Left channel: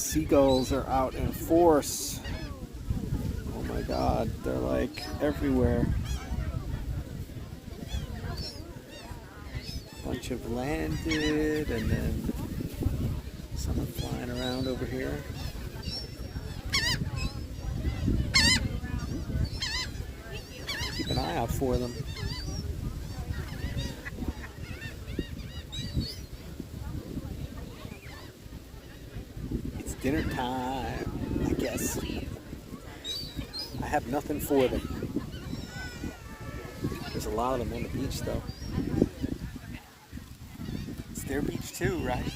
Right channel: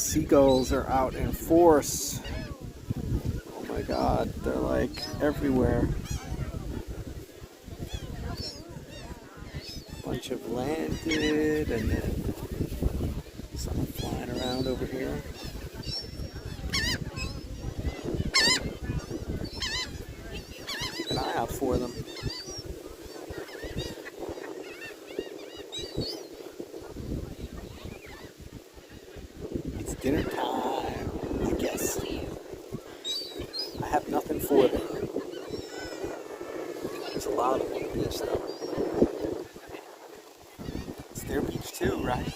seagulls are out in force. Oh my god, they're like everywhere. A bunch have landed, and then some are flying around over here. Keep an eye out for them. It's dinner time, I guess. I have nothing for them. There's a lot of them on the beach, though. It's their beach too, right?